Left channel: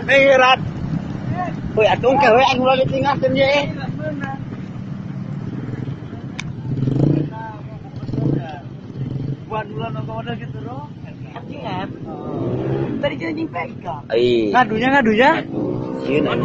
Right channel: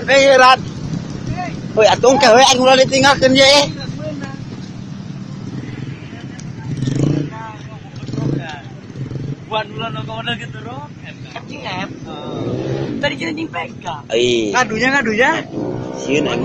Pirat. Woi, atung kewean ulah ditinggalkeun ye. Buat ulah nongol gitu roh. Cing tadi kita jing pegang. Ai. Ngadunya. Sieun aing.